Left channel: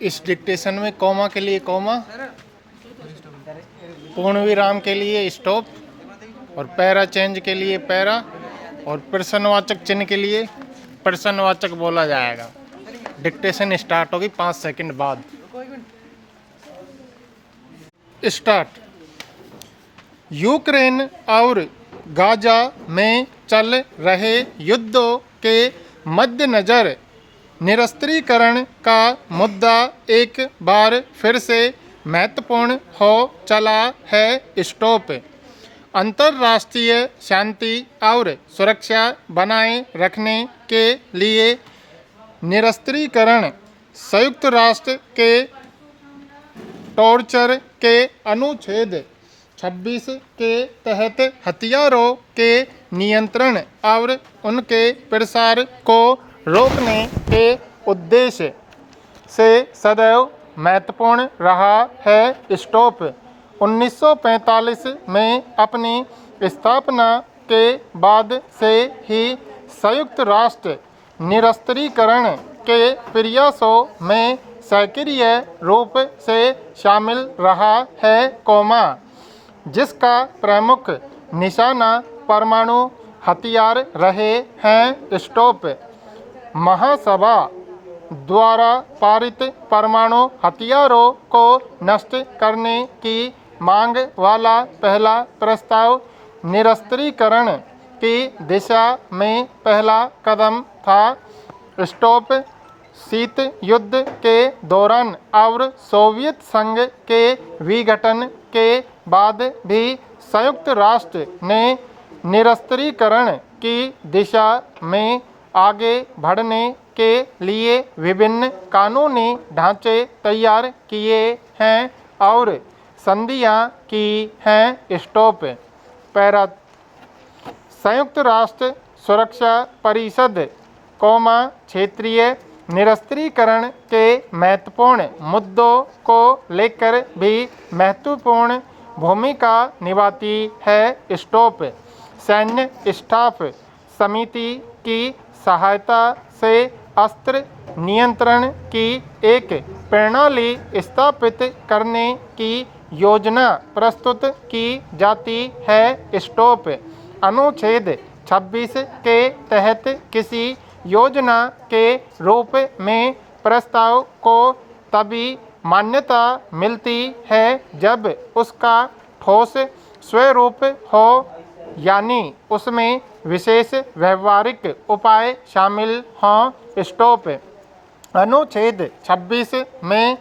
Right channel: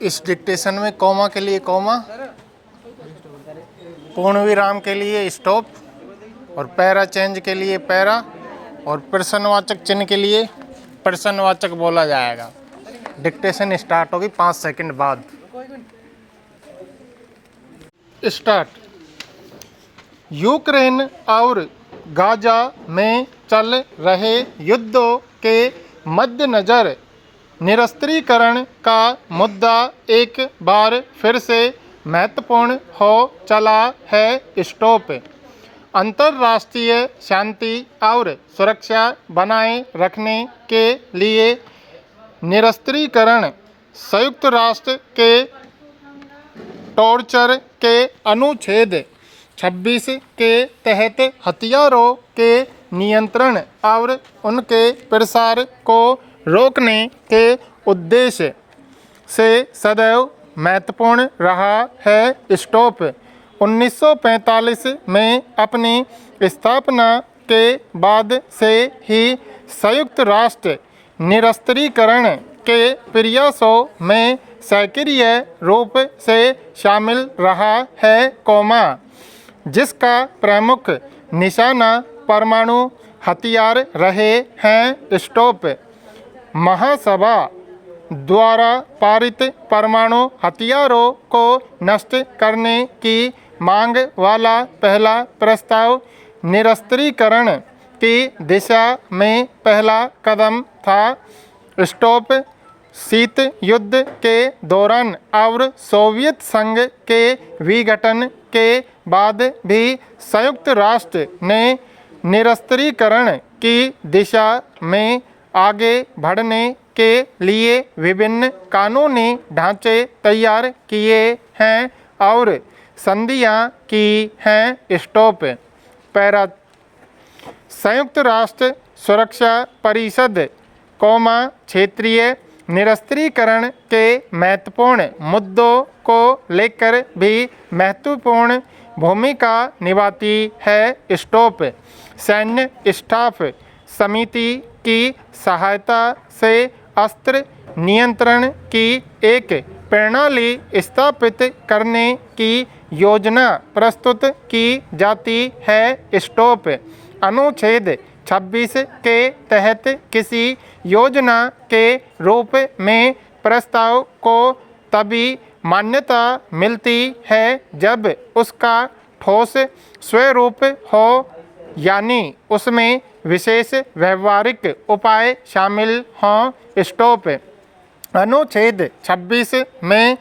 इस डिक्टेशन में कॉमा के लिए कॉमा, पूर्ण विराम के लिए स्टॉप और पैरा चेंज के लिए पैरा और प्रश्नवाचक चिन्ह के लिए प्रश्नवाचक बोला जाएगा। डिक्टेशन स्टार्ट होगी 5 सेकंड बाद। स्टार्ट। यूक्रेन और गाजा में चल रहे युद्धों के मद्देनज़र निरस्त्रीकरण का मुद्दा एक बार फिर से महत्वपूर्ण हो चला है। स्टॉप। अंतर्राष्ट्रीय शांति और सुरक्षा बनाए रखने के लिए निरस्त्रीकरण संयुक्त राष्ट्र के टॉर्चर के अनुच्छेद 26 के तहत हथियारों के नियंत्रण और उनके प्रसार को रोकने के उद्देश्य से सदैव महत्वपूर्ण रहा है। स्टॉप। 1945 में अपनी स्थापना के बाद से ही संयुक्त राष्ट्र निरस्त्रीकरण के प्रयासों में सक्रिय रूप से शामिल रहा है, जिसका प्रमुख निशाना परमाणु हथियार रहे हैं। स्टॉप। महासभा द्वारा पारित परमाणु हथियारों को नष्ट करने की मांग वाला पहला प्रस्ताव निरस्त्रीकरण की दिशा में पहला कदम था। स्टॉप। शीत युद्ध के दौरान और सोवियत संघ के विघटन के बाद भी संयुक्त राष्ट्र ने निरस्त्रीकरण की दिशा में आगे बढ़ने के लिए विभिन्न कानूनी ढांचे तैयार किए हैं और संधियां की हैं। स्टॉप। पैरा। संयुक्त राष्ट्र सुरक्षा परिषद क्षेत्रीय निरस्त्रीकरण के महत्वपूर्ण मुद्दों को लेकर भी महत्वपूर्ण भूमिका निभाती है। स्टॉप। सैन्य स्टाफ समिति की सहायता से अस्त्र नियंत्रण की एक प्रणाली स्थापित करने की योजना प्रस्तुत की जाती है। स्टॉप। अनुच्छेद 26 के तहत किसी योजना के रूप में प्रस्ताव को तभी मान्यता मिलती है जब उसका ठोस स्वरूप हो, यानी उसमें विशेष व्यवहारिक उपाय शामिल हों। स्टॉप। अनुच्छेद 26 में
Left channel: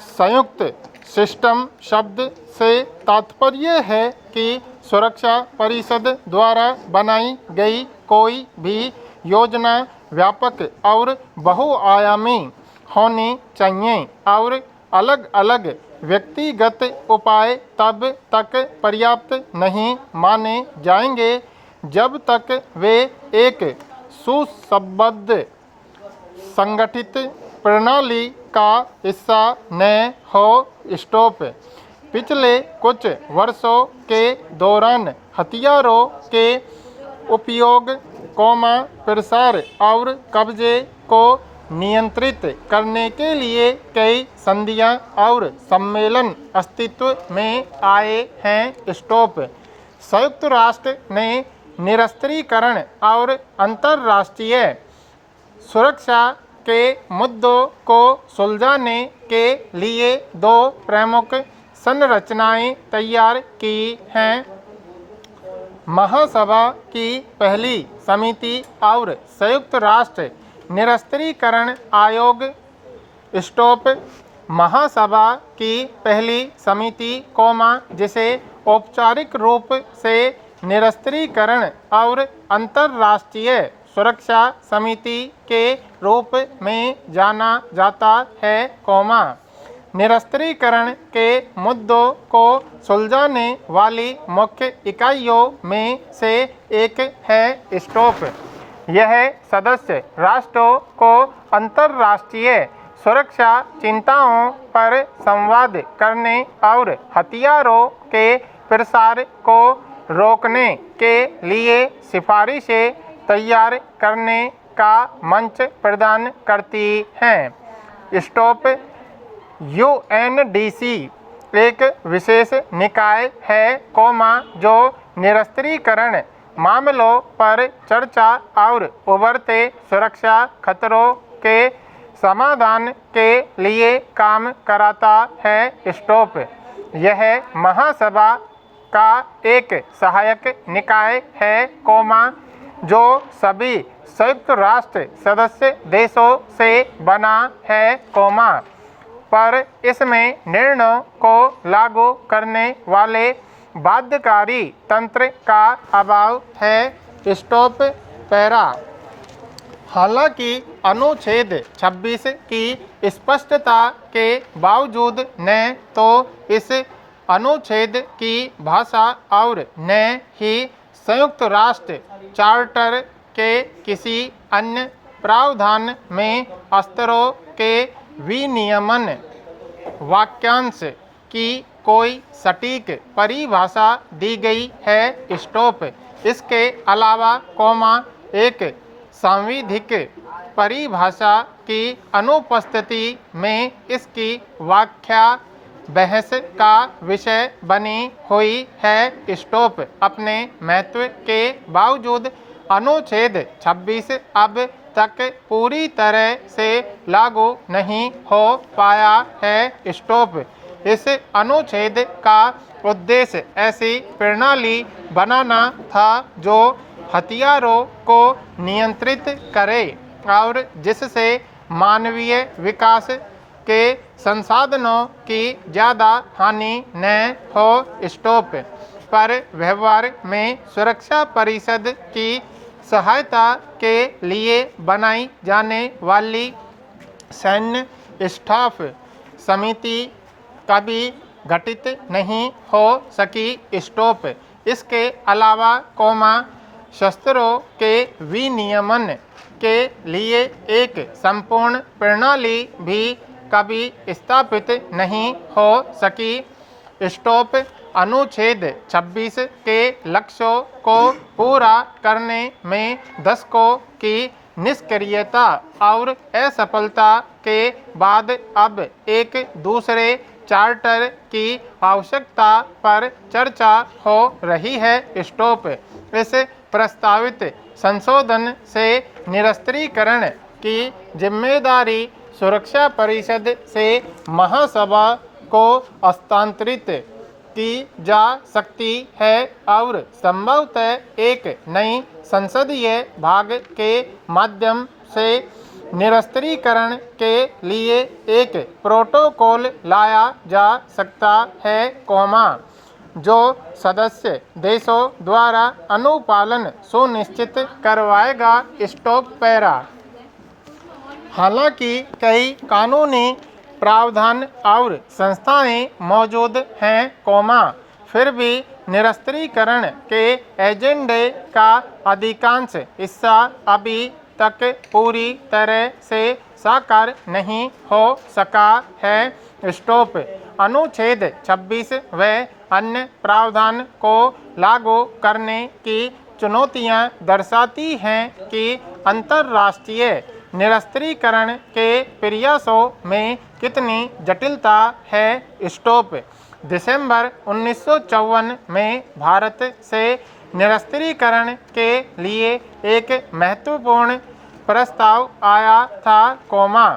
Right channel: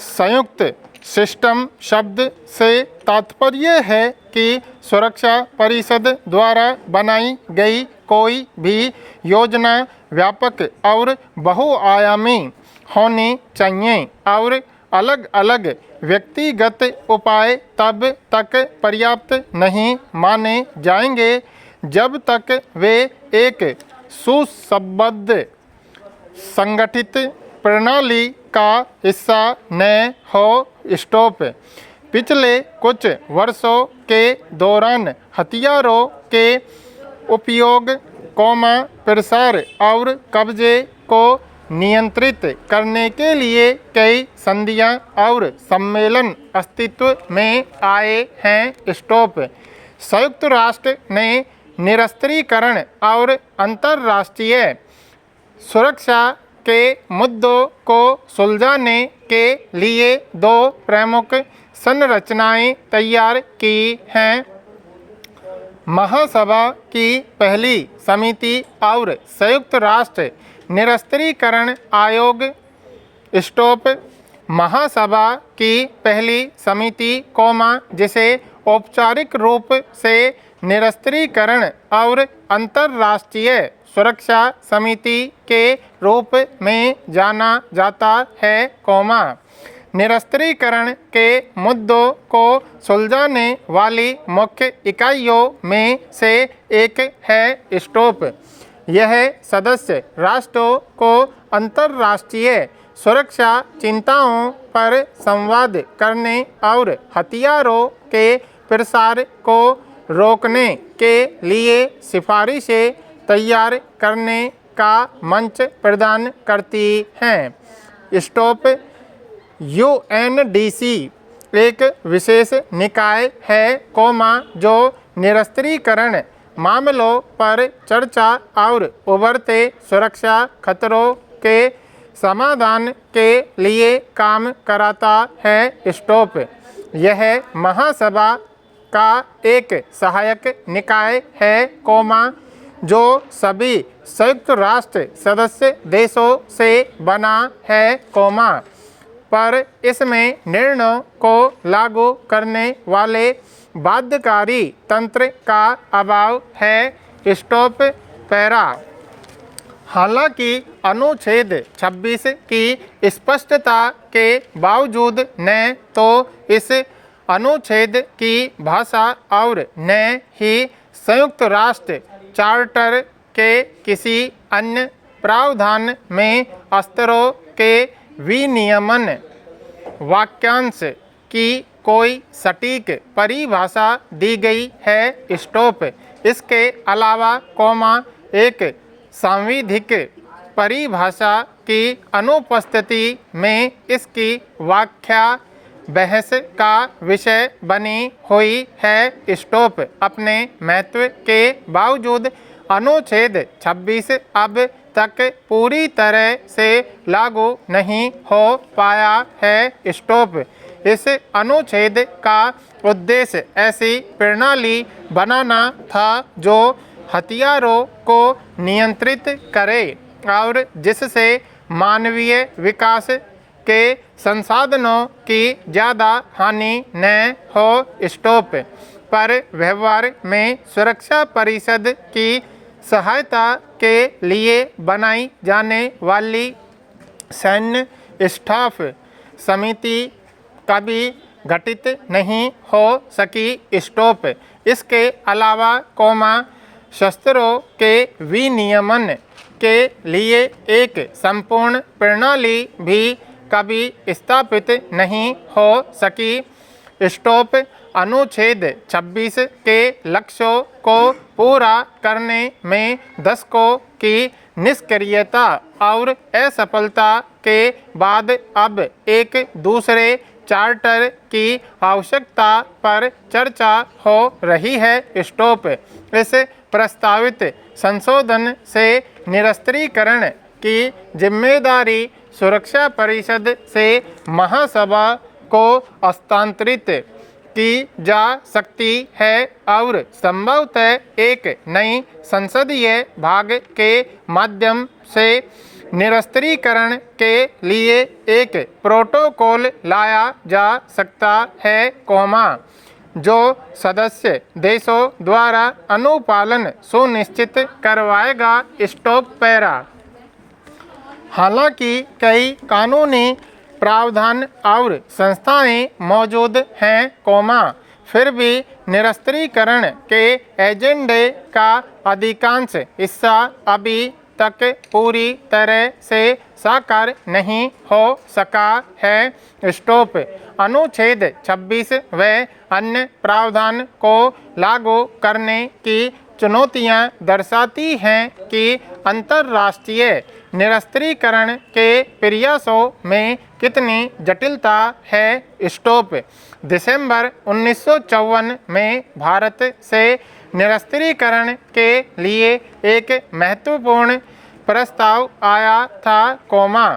संयुक्त सिस्टम शब्द से तात्पर्य है कि सुरक्षा परिषद द्वारा बनाई गई कोई भी योजना व्यापक और बहुआयामी होनी चाहिए और अलग अलग व्यक्तिगत उपाय तब तक पर्याप्त नहीं माने जाएंगे जब तक वे एक सुसंबद्ध संगठित प्रणाली का हिस्सा न हो। स्टॉप। पिछले कुछ वर्षों के दौरान हथियारों के उपयोग, प्रसार और कब्जे को नियंत्रित करने के लिए कई संधियां और सम्मेलन अस्तित्व में आए हैं। स्टॉप। संयुक्त राष्ट्र ने निरस्त्रीकरण और अंतर्राष्ट्रीय सुरक्षा के मुद्दों को सुलझाने के लिए 2 प्रमुख संरचनाएं तैयार की हैं। महासभा की पहली समिति और संयुक्त राष्ट्र निरस्त्रीकरण आयोग। स्टॉप। महासभा की पहली समिति, जिसे औपचारिक रूप से निरस्त्रीकरण और अंतर्राष्ट्रीय सुरक्षा समिति के रूप में जाना जाता है, निरस्त्रीकरण के मुद्दों को सुलझाने वाली मुख्य इकाइयों में से एक है। स्टॉप। यह सदस्य राष्ट्रों को अंतर्राष्ट्रीय सुरक्षा चिंताओं पर संवाद करने और हथियारों के प्रसार को रोकने के लिए सिफारिशें तैयार करने का मंच प्रदान करती हैं। स्टॉप। यूएनडीसी एक विशेष निकाय है, जो निरस्त्रीकरण मामलों पर चर्चा और उभरते सुरक्षा खतरों के समाधान के लिए काम कराता है। स्टॉप। यह महासभा का एक सहायक निकाय है, जो सभी संयुक्त राष्ट्र सदस्य देशों से बना है, पर इसमें निर्णयों को लागू करने वाले बाध्यकारी तंत्र का अभाव है। स्टॉप। पैरा। हालांकि अनुच्छेद 26 की स्पष्टता के बावजूद न तो इस अनुच्छेद की भाषा और न ही संयुक्त राष्ट्र चार्टर के किसी अन्य प्रावधान में स्तरों के विनियमन वाक्यांश की कोई सटीक परिभाषा दी गई है। स्टॉप। इसके अलावा एक सांविधिक परिभाषा की अनुपस्थिति में इसकी व्याख्या बहस का विषय बनी हुई है। स्टॉप। अपने महत्व के बावजूद अनुच्छेद 26 अब तक पूरी तरह से लागू नहीं हो पाया है। स्टॉप। इस अनुच्छेद का उद्देश्य ऐसी प्रणाली बनाना था जो हथियारों को नियंत्रित करे और जिससे मानवीय विकास के संसाधनों की ज़्यादा हानि न हो। स्टॉप। पर व्यवहार में सुरक्षा परिषद की सहायता के लिए बनाई जाने वाली सैन्य स्टाफ समिति कभी गठित नहीं हो सकी। स्टॉप। इसके अलावा शस्त्रों के विनियमन के लिए एक संपूर्ण प्रणाली भी कभी स्थापित नहीं हो सकी। स्टॉप। अनुच्छेद 26 के लक्ष्यों को पूरा करने में दशकों की निष्क्रियता और असफलता के बाद अब एक दूसरे चार्टर की आवश्यकता पर चर्चा हो रही है। स्टॉप। इस प्रस्तावित संशोधन से निरस्त्रीकरण की जिम्मेदारी सुरक्षा परिषद से महासभा को हस्तांतरित की जा सकती है और संभवतः एक नई संसदीय भाग के माध्यम से निरस्त्रीकरण के लिए एक प्रोटोकॉल लाया जा सकता है, जो सदस्य देशों द्वारा अनुपालन सुनिश्चित करवाएगा। स्टॉप। पैरा। हालांकि कई कानूनी प्रावधान और संस्थाएं मौजूद हैं, फिर भी निरस्त्रीकरण के एजेंडे का अधिकांश हिस्सा अभी तक पूरी तरह से साकार नहीं हो सका है। स्टॉप। अनुच्छेद 26 व अन्य प्रावधान को लागू करने की चुनौतियां दर्शाती हैं कि अंतर्राष्ट्रीय निरस्त्रीकरण के प्रयासों में कितनी जटिलता है। स्टॉप। दिसंबर 1954 में भारत से निरस्त्रीकरण के लिए एक महत्वपूर्ण प्रस्ताव आया था,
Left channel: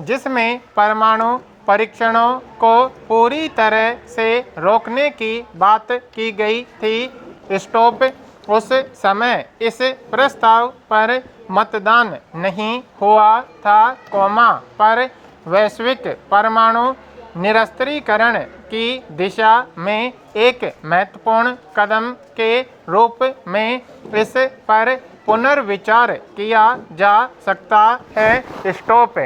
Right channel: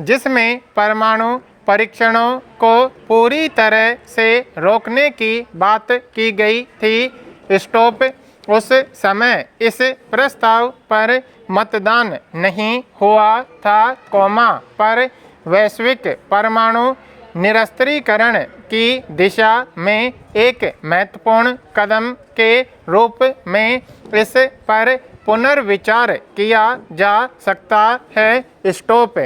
जिसमें परमाणु परीक्षणों को पूरी तरह से रोकने की बात की गई थी। स्टॉप। उस समय इस प्रस्ताव पर मतदान नहीं हुआ था, पर वैश्विक परमाणु निरस्त्रीकरण की दिशा में एक महत्वपूर्ण कदम के रूप में इस पर पुनर्विचार किया जा सकता है। स्टॉप।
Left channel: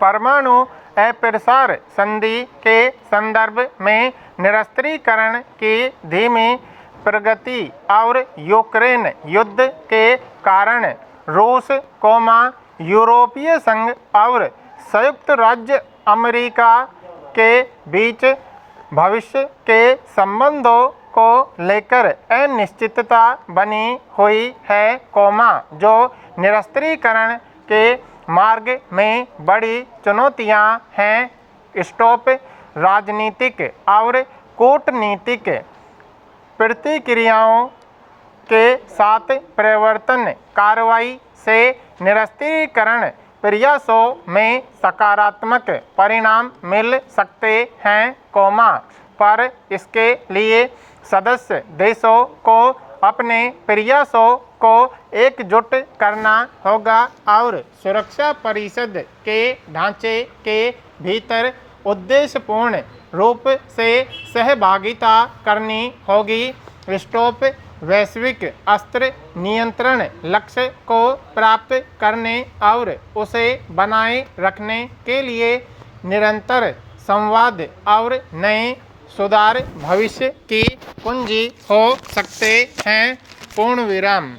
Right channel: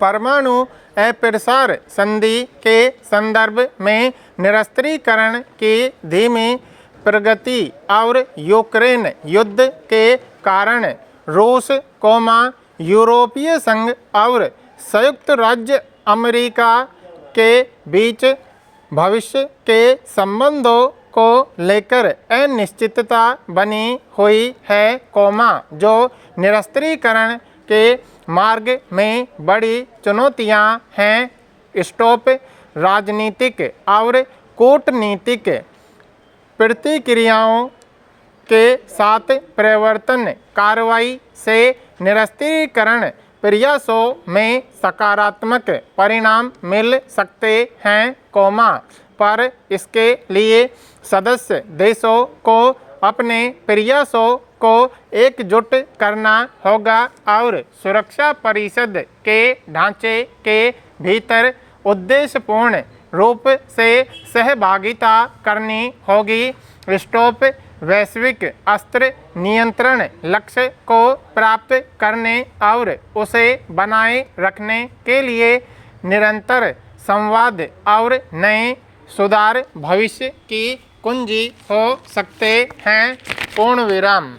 परमाणु अप्रसार संधि के संदर्भ में निरस्त्रीकरण की धीमी प्रगति और यूक्रेन युद्ध के कारण रूस, यूरोपीय संघ और संयुक्त राज्य अमेरिका के बीच भविष्य के संबंधों को लेकर अनिश्चितता बनी हुई है, जो निरस्त्रीकरण के मार्ग में बड़ी चुनौतियां हैं। स्टॉप राजनीतिक और कूटनीतिक प्रतिक्रियाओं के साथ परिवर्तन कार्रवाई से निरस्त्रीकरण प्रयासों में सकारात्मक परिणाम मिल सकते हैं, पर इसके लिए सदस्य देशों को अपने प्रयासों को एकजुट करना होगा और सुरक्षा परिषद के ढांचे के भीतर उद्देश्यपूर्ण रूप से सहभागिता करनी होगी। स्टॉप वैश्विक अस्त्र नियंत्रण लक्ष्य को प्राप्त करने और उसे बनाए रखने के लिए निरंतर संवाद और नए सुधार भविष्य की कुंजी हो सकते हैं। पूर्ण विराम।